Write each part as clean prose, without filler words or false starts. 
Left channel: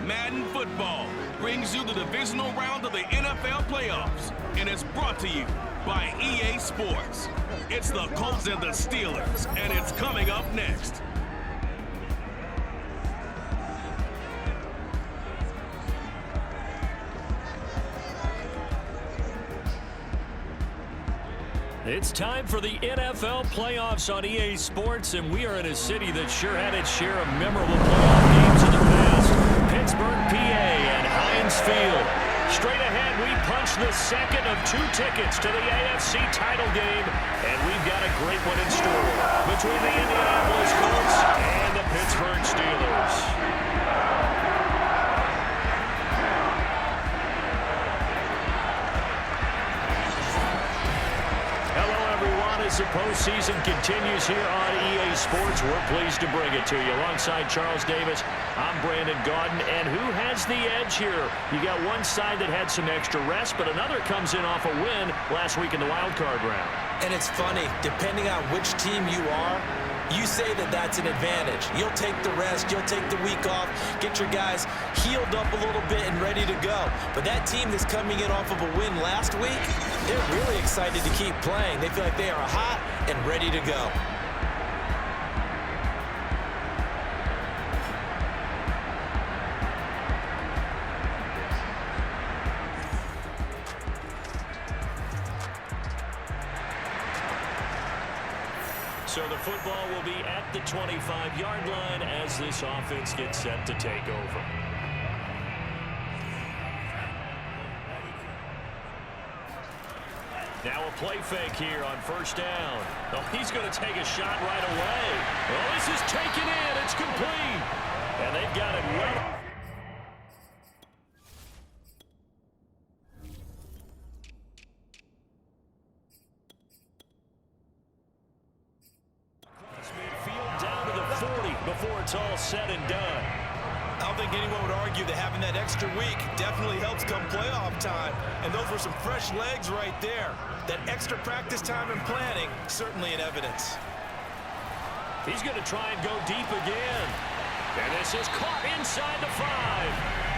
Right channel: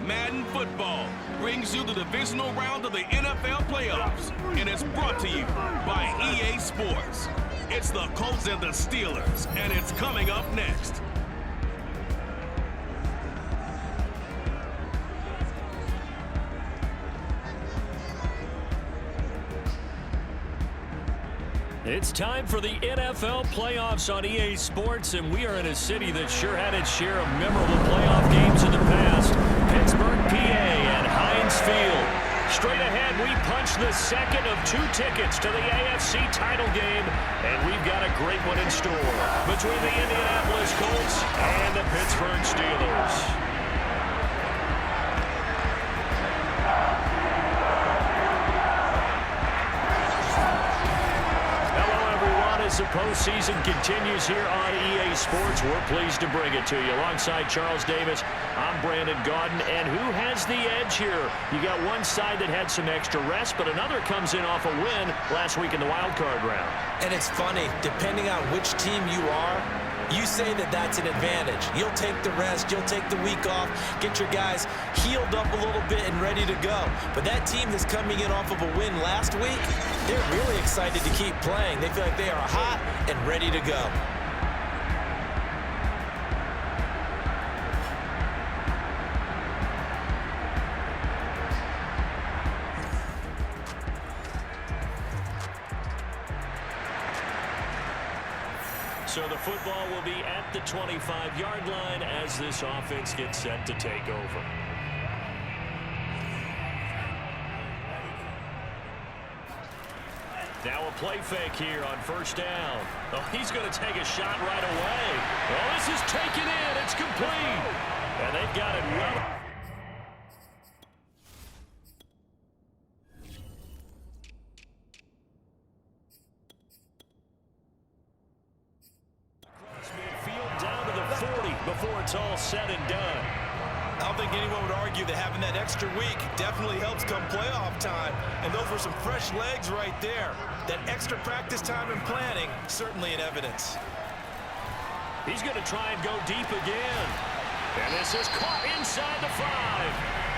Madden Football brings you the divisional round of the NFL playoffs, and it's brought to you by EA Sports. It's the Colts and the Steelers, and it's coming up next. It's time for the NFL playoffs on EA Sports, and we are in a city that sure had its share of memorable playoff games in the past. Pittsburgh, PA, and Heinz Field. Straight ahead, we punch the second of 2 tickets to the AFC title game, and we've got a great one in store between the Indianapolis Colts and the Pittsburgh Steelers. As the postseason continues here on EA Sports, we're pleased to bring it to you. Alongside Charles Davis, I'm Brandon Gaudin. And who has the edge here? You got one side that had some extra rest, but another comes in off a win last week in the wild card round. And it's funny, depending on which team you are, you say that that's an advantage. You'll take the rest, you'll take the week off, get your guys healed up a little bit and ready to go. But that team that's coming in off of a win last week, they're really excited to keep playing. They feel like they are hot and ready to go. So the football will be at the 25-yard line as this offense gets set to take over. Now a play fake here on first down. Oh, he's going to take a shot right away. Oh, this is taken in. It's complete. And they've got it well. Midfield down to the 40 before it's all said and done. I don't think anyone would argue that having that extra week definitely helps come playoff time. And those were some fresh legs right there. That extra practice time and planning, certainly in evidence. He's going to try and go deep again. And this is caught inside the 5.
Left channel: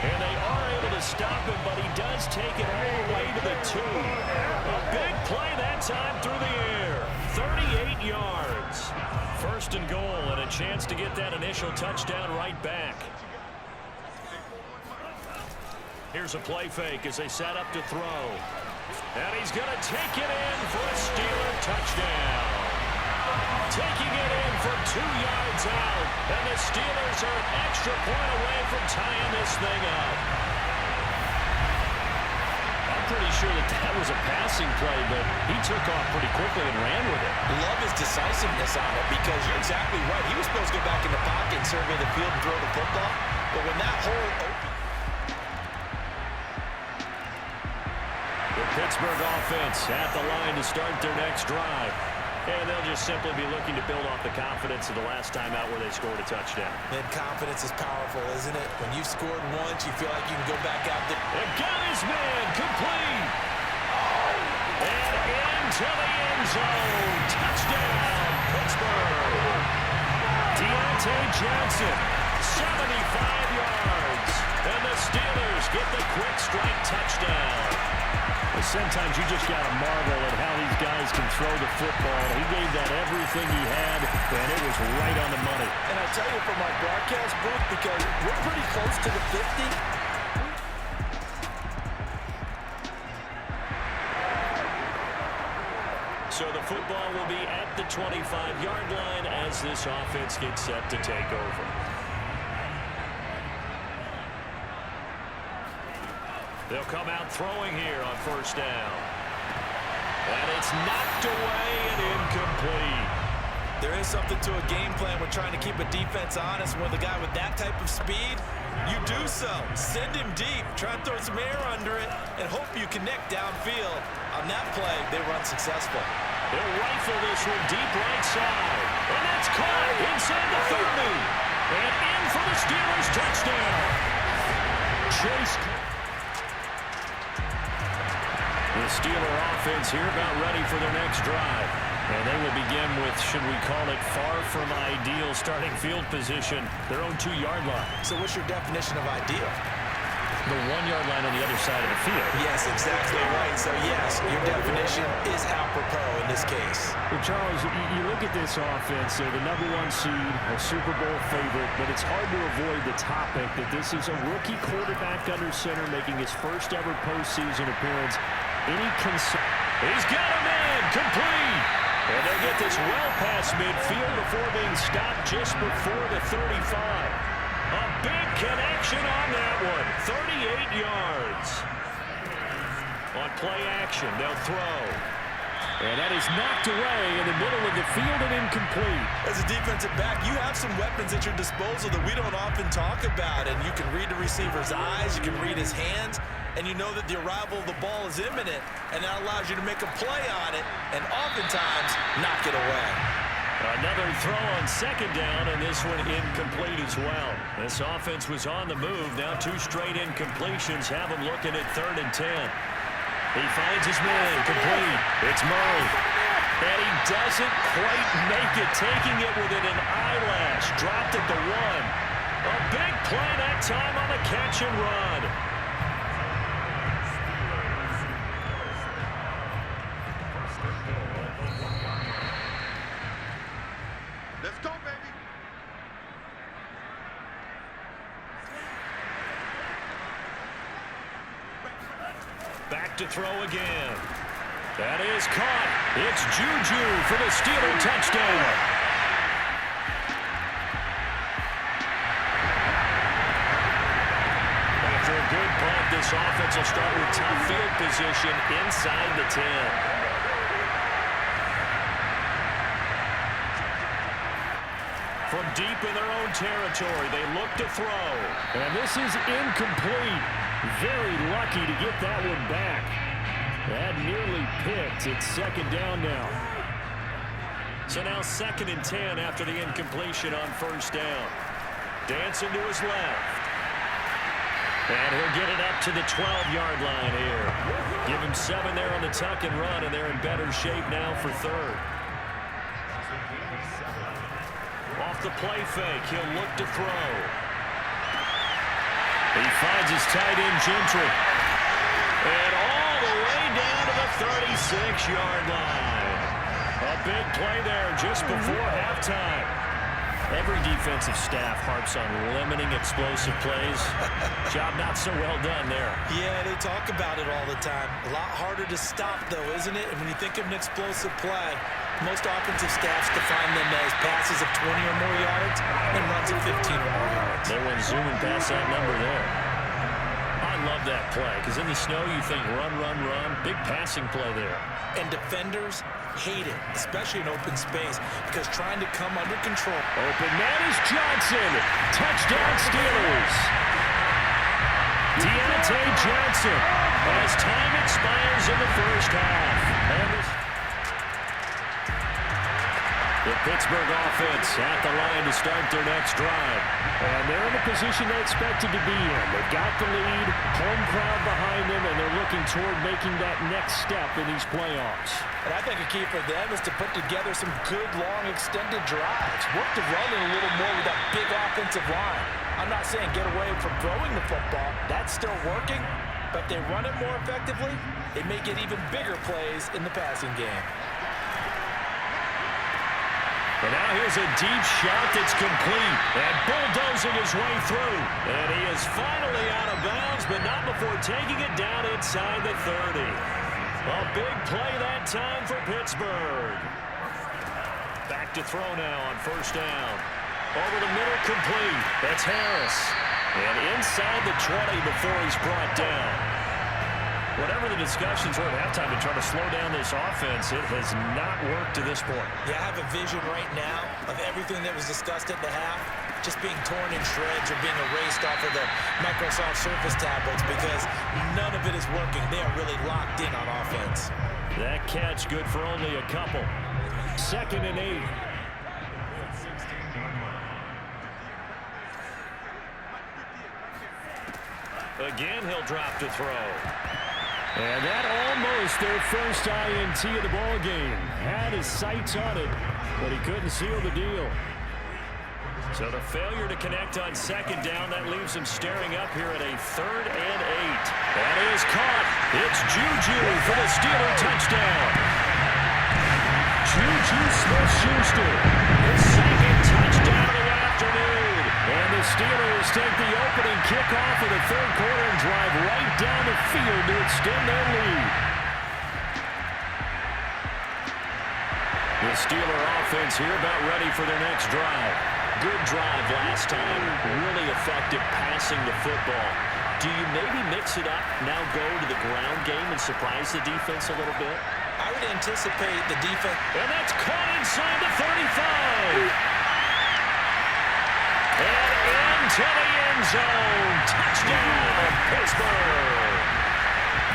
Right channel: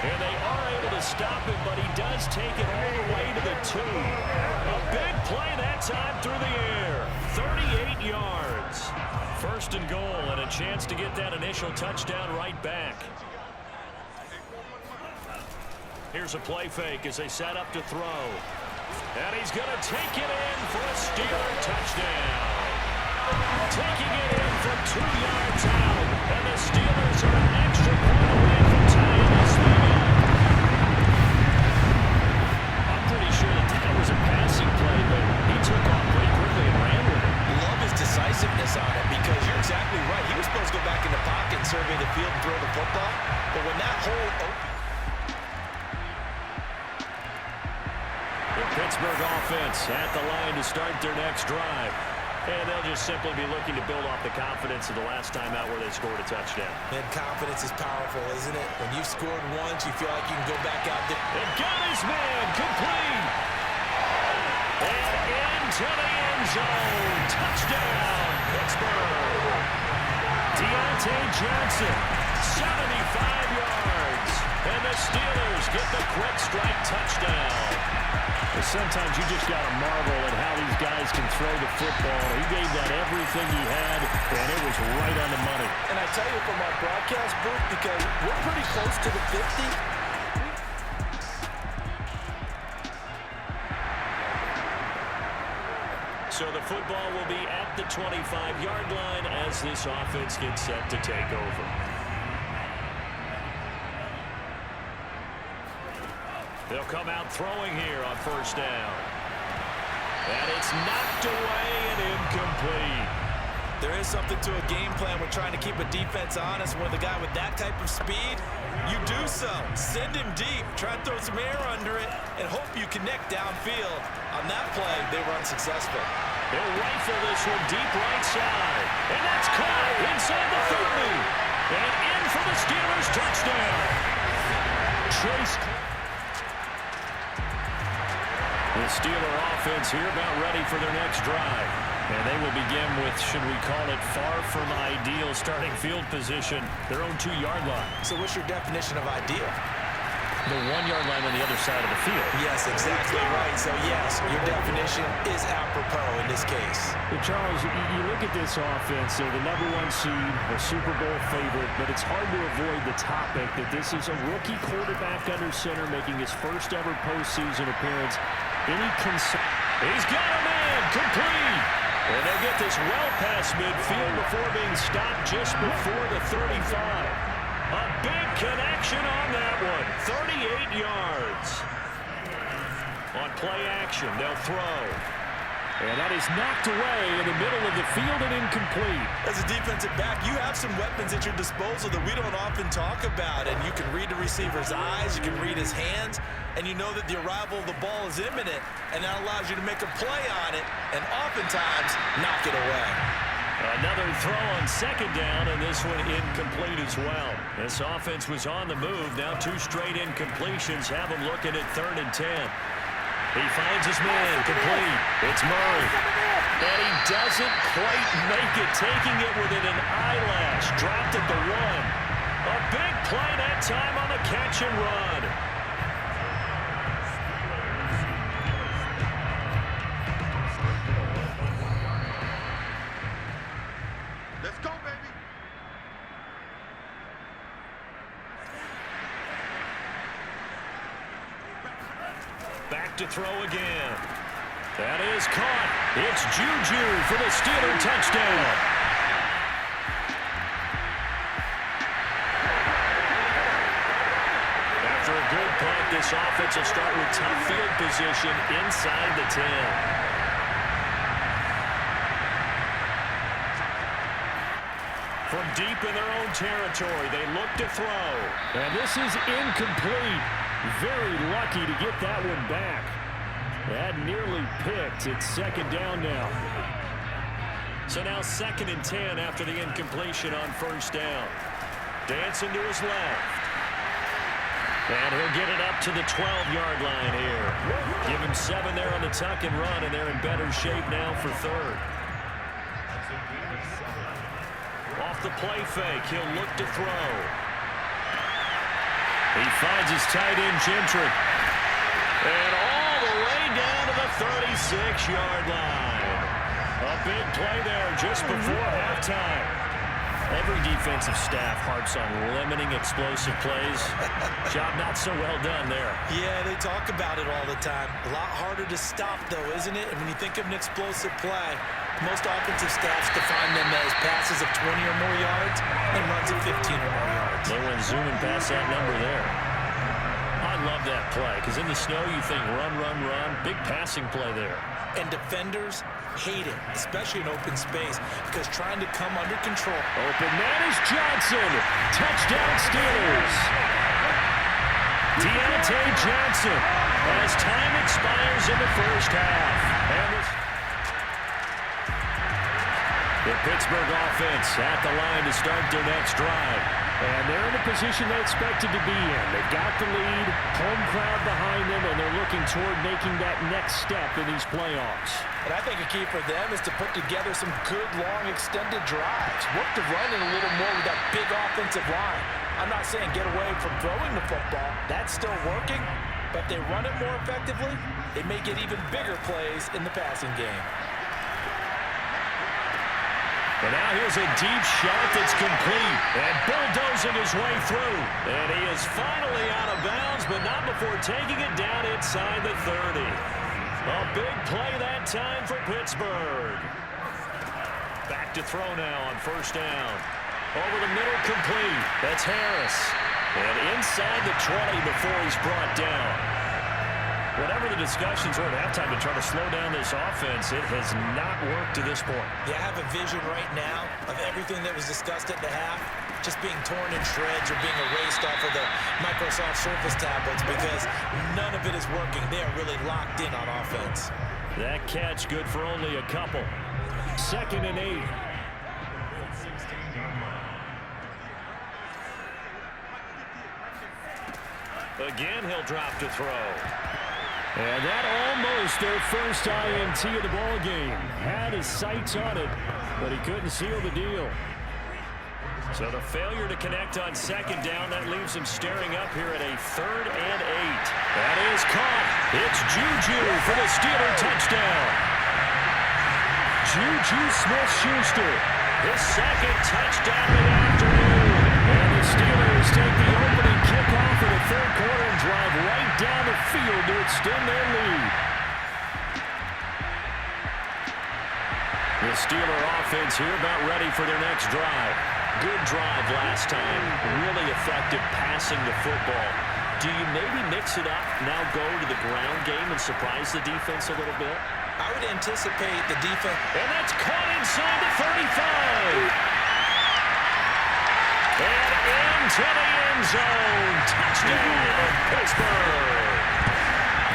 And they are able to stop him, but he does take it all the way to the 2. A big play that time through the air. 38 yards. First and goal, and a chance to get that initial touchdown right back. Here's a play fake as they set up to throw. And he's going to take it in for a Steeler touchdown. Taking it in from 2 yards out. And the Steelers are an extra point away from tying this thing up. I'm pretty sure that was a passing play, but he took off pretty quickly and ran with it. Love his decisiveness on it because you're exactly right. He was supposed to go back in the pocket and survey the field and throw the football. But when that hole opened... The Pittsburgh offense at the line to start their next drive. And they'll just simply be looking to build off the confidence of the last time out where they scored a touchdown. And confidence is powerful, isn't it? When you've scored once, you feel like you can go back out there. And got his man complete. And into the end zone. Touchdown, Pittsburgh. Deontay Johnson, 75 yards. And the Steelers get the quick strike touchdown. Well, sometimes you just got to marvel at how these guys can throw the football. He gave that everything he had, and it was right on the money. And I tell you from my broadcast booth, because we're pretty close to the 50. So the football will be at the 25-yard line as this offense gets set to take over. They'll come out throwing here on first down. And it's knocked away and incomplete. There is something to a game plan with trying to keep a defense honest. With a guy with that type of speed, you do so. Send him deep. Try and throw some air under it and hope you connect downfield. On that play, they were unsuccessful. They'll rifle this one deep right side. And that's caught inside the 30. And in for the Steelers touchdown. Chase. The Steeler offense here about ready for their next drive. And they will begin with, should we call it, far from ideal starting field position, their own 2-yard line. So what's your definition of ideal? The 1-yard line on the other side of the field. Yes, exactly right. So, yes, your definition is apropos in this case. Well, Charles, you look at this offense, they're the #1 seed, a Super Bowl favorite, but it's hard to avoid the topic that this is a rookie quarterback under center making his first ever postseason appearance. Any concern? He's got a man complete. And they'll get this well past midfield before being stopped just before the 35. A big connection on that one. 38 yards. On play action, they'll throw. And that is knocked away in the middle of the field and incomplete. As a defensive back, you have some weapons at your disposal that we don't often talk about. And you can read the receiver's eyes, you can read his hands, and you know that the arrival of the ball is imminent, and that allows you to make a play on it and oftentimes knock it away. Another throw on second down, and this one incomplete as well. This offense was on the move. Now 2 straight incompletions have them looking at 3rd and 10. He finds his man complete. It's Murray. And he doesn't quite make it, taking it within an eyelash. Dropped at the 1. A big play that time on the catch and run. Let's go, baby. Back to throw again. That is caught. It's Juju for the Steeler touchdown. After a good punt, this offense will start with tough field position inside the 10. From deep in their own territory, they look to throw. And this is incomplete. Very lucky to get that one back. That nearly picked. It's 2nd down now. So now 2nd and 10 after the incompletion on 1st down. Dancing to his left. And he'll get it up to the 12-yard line here. Give him 7 there on the tuck and run, and they're in better shape now for 3rd. Off the play fake, he'll look to throw. He finds his tight end, Gentry. And all the way down to the 36-yard line. A big play there just before halftime. Every defensive staff harps on limiting explosive plays. Job not so well done there. Yeah, they talk about it all the time. A lot harder to stop, though, isn't it? And when you think of an explosive play, most offensive staffs define them as passes of 20 or more yards and runs of 15 or more yards. They went zooming past that number there. I love that play because in the snow you think run, run, run. Big passing play there. And defenders hate it, especially in open space, because trying to come under control. Open man is Johnson. Touchdown Steelers. Deontay Johnson as time expires in the 1st half. And the Pittsburgh offense at the line to start their next drive. And they're in the position they expected to be in. They've got the lead, home crowd behind them, and they're looking toward making that next step in these playoffs. And I think a key for them is to put together some good, long, extended drives. Work the run in a little more with that big offensive line. I'm not saying get away from throwing the football. That's still working. But if they run it more effectively, they may get even bigger plays in the passing game. And now here's a deep shot that's complete. And bulldozing his way through. And he is finally out of bounds, but not before taking it down inside the 30. A big play that time for Pittsburgh. Back to throw now on 1st down. Over the middle, complete. That's Harris. And inside the 20 before he's brought down. Whatever the discussions were at halftime to try to slow down this offense, it has not worked to this point. Yeah, I have a vision right now of everything that was discussed at the half just being torn in shreds or being erased off of the Microsoft Surface tablets because none of it is working. They are really locked in on offense. That catch good for only a couple. 2nd and 8. Again, he'll drop to throw. And that almost their first INT of the ball game. Had his sights on it, but he couldn't seal the deal. So the failure to connect on second down, that leaves him staring up here at a 3rd and 8. That is caught. It's Juju for the Steeler touchdown. Juju Smith-Schuster, His second touchdown of the afternoon. and the Steelers take the opening kickoff of the third quarter and drive right down the field to extend their lead. The Steeler offense here about ready for their next drive. Good drive last time. Really effective passing the football. Do you maybe mix it up, now go to the ground game and surprise the defense a little bit? I would anticipate the defense. And that's caught inside the 35. And into the end zone. Touchdown, Pittsburgh.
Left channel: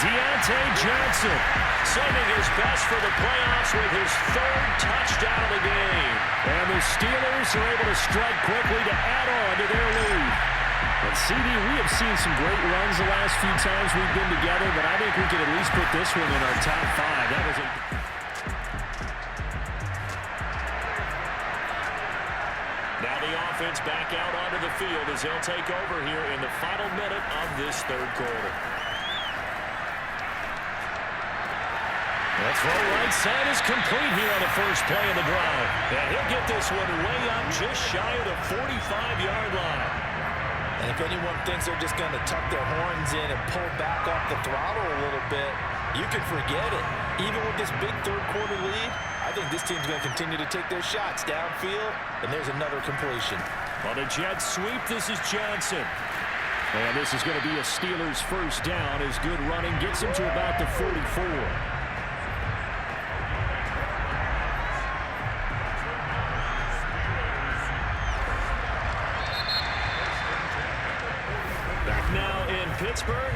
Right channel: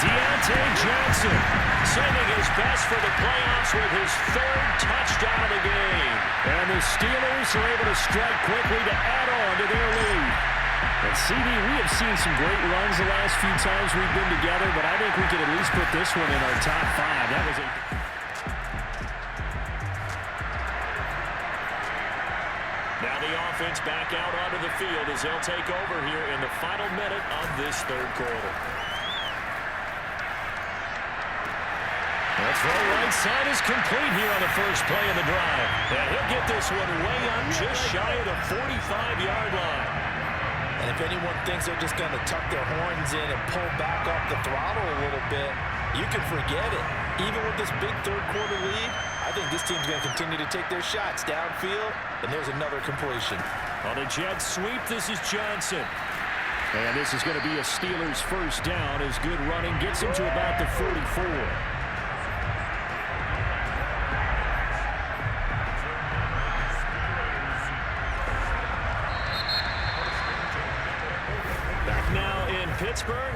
Deontay Johnson, Saving his best for the playoffs with his 3rd touchdown of the game. and the Steelers are able to strike quickly to add on to their lead. And CD, we have seen some great runs the last few times we've been together, but I think we could at least put this one in our top 5. That was a... Now the offense back out onto the field as they'll take over here in the final minute of this third quarter. The throw right side is complete here on the first play of the drive. And he'll get this one way up just shy of the 45-yard line. And if anyone thinks they're just going to tuck their horns in and pull back off the throttle a little bit, you can forget it. Even with this big third quarter lead, I think this team's going to continue to take their shots downfield, and there's another completion. On a jet sweep, this is Johnson. And this is going to be a Steelers first down as good running gets him to about the 44. Back now in Pittsburgh.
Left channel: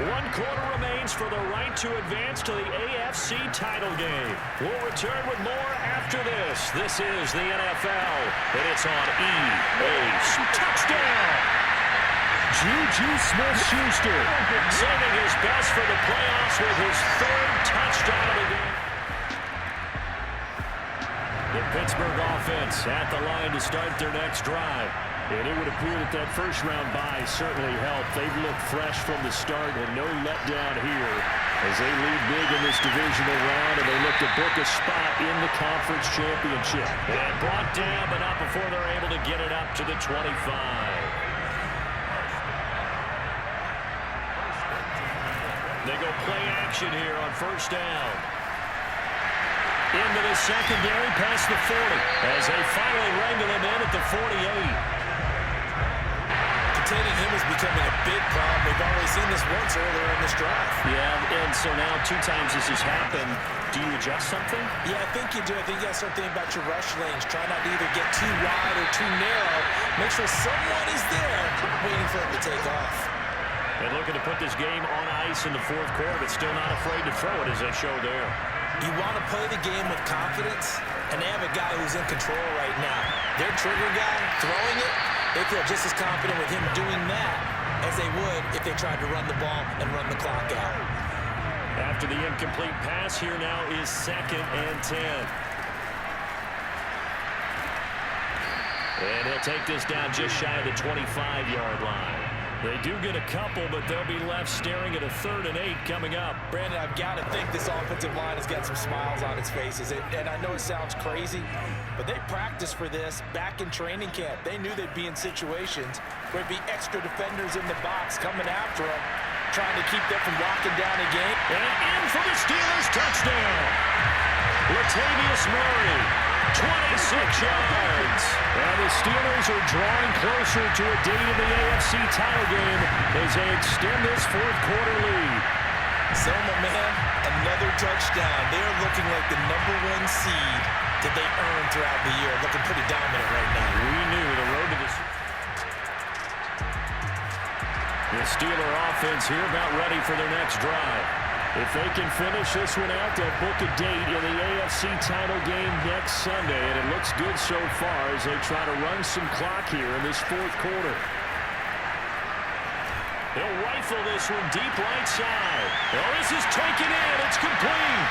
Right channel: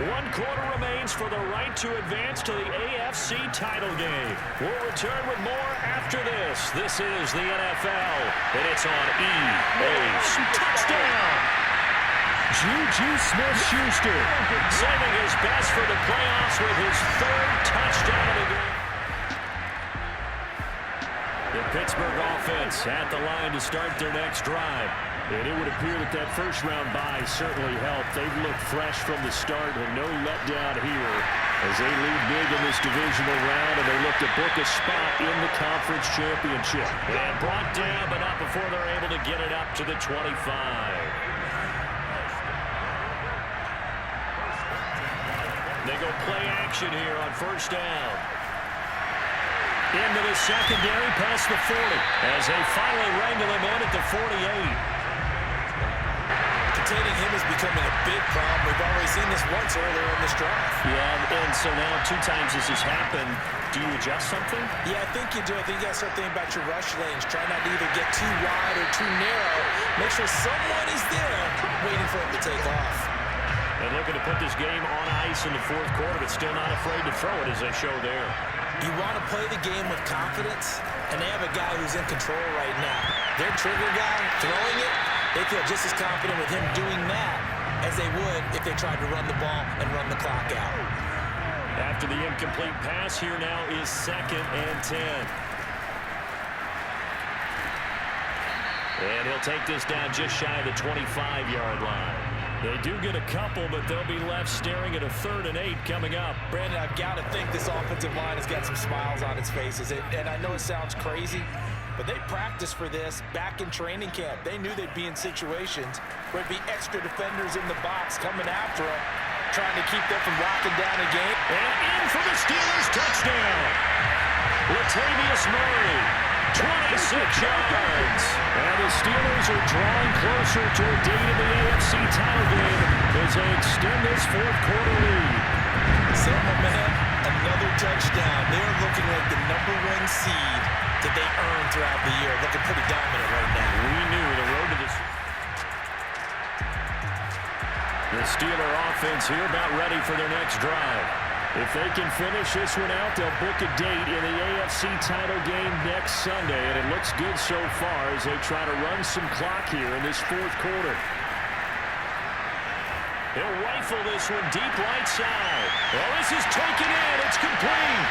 1 quarter remains for the right to advance to the AFC title game. We'll return with more after this. This is the NFL, and it's on EA. Touchdown! Juju Smith-Schuster, Saving his best for the playoffs with his 3rd touchdown of the game. the Pittsburgh offense at the line to start their next drive. And it would appear that that first-round bye certainly helped. They've looked fresh from the start and no letdown here as they lead big in this divisional round, and they look to book a spot in the conference championship. And brought down, but not before they're able to get it up to the 25. They go play action here on first down. Into the secondary past the 40 as they finally wrangle him in at the 48. Containing him is becoming a big problem. We've already seen this once earlier in this drive. Yeah, and so now 2 times this has happened. Do you adjust something? Yeah, I think you do. I think you got to start thinking about your rush lanes. Try not to either get too wide or too narrow. Make sure someone is there waiting for him to take off. And looking to put this game on ice in the 4th quarter, but still not afraid to throw it as they show there. You want to play the game with confidence, and they have a guy who's in control right now. Their trigger guy throwing it, they feel just as confident with him doing that as they would if they tried to run the ball and run the clock out. After the incomplete pass, here now is 2nd and 10. And he'll take this down just shy of the 25-yard line. They do get a couple, but they'll be left staring at a 3rd and 8 coming up. Brandon, I've got to think this offensive line has got some smiles on its faces. And I know it sounds crazy, but they practiced for this back in training camp. They knew they'd be in situations where it'd be extra defenders in the box coming after them, trying to keep them from locking down a game. And in for the Steelers touchdown. Latavius Murray, 26 yards. And the Steelers are drawing closer to a date in the AFC title game as they extend this 4th quarter lead. So, my man, another touchdown. They're looking like the #1 seed that they earned throughout the year. Looking pretty dominant right now. We knew the road to this. The Steeler offense here about ready for their next drive. If they can finish this one out, they'll book a date in the AFC title game next Sunday, and it looks good so far as they try to run some clock here in this 4th quarter. He'll rifle this one deep right side. Well, this is taken in. It's complete.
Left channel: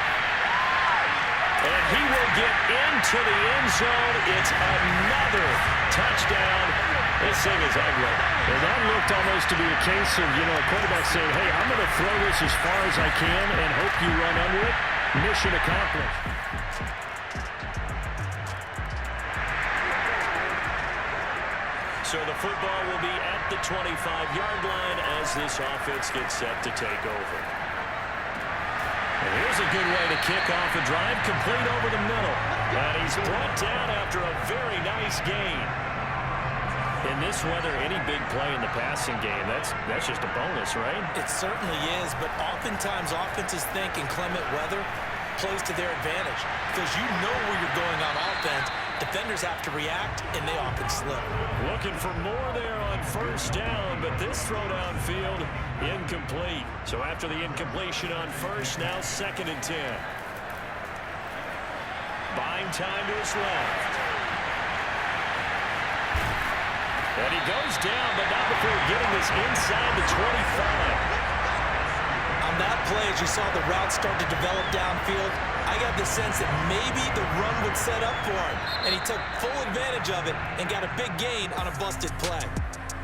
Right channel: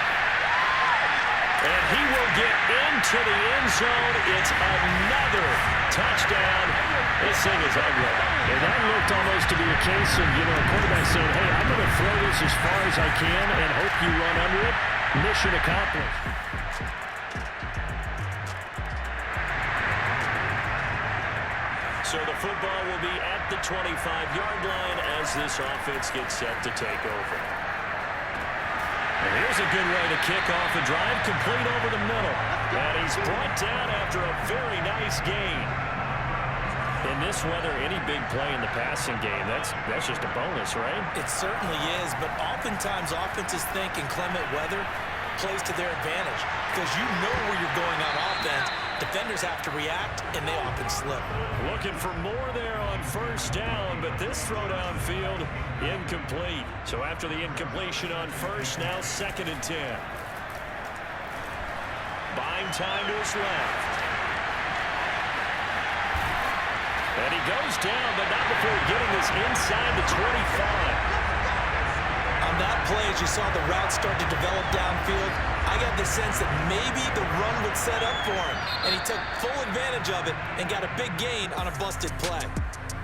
And he will get into the end zone. It's another touchdown. This thing is ugly. And that looked almost to be a case of, a quarterback saying, hey, I'm going to throw this as far as I can and hope you run under it. Mission accomplished. So the football will be at the 25-yard line as this offense gets set to take over. And here's a good way to kick off a drive, complete over the middle. And he's brought down after a very nice gain. In this weather, any big play in the passing game, that's just a bonus, right? It certainly is, but oftentimes offenses think inclement weather plays to their advantage because you know where you're going on offense. Defenders have to react, and they often slip. Looking for more there on first down, but this throw downfield incomplete. So after the incompletion on first, now 2nd and 10. Buying time to his left. And he goes down, but not before getting this inside the 25. On that play, as you saw the route start to develop downfield, I got the sense that maybe the run would set up for him. And he took full advantage of it and got a big gain on a busted play.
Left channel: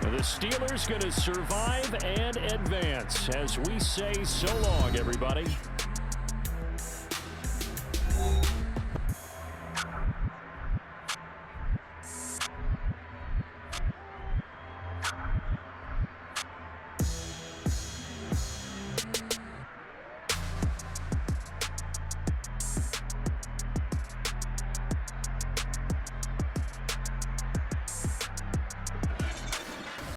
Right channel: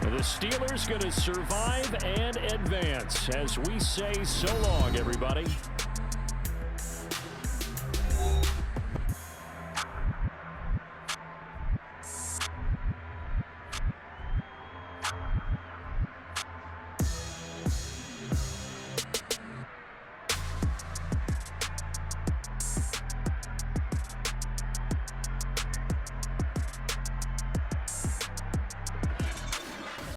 The Steelers going to survive and advance as we say so long, everybody.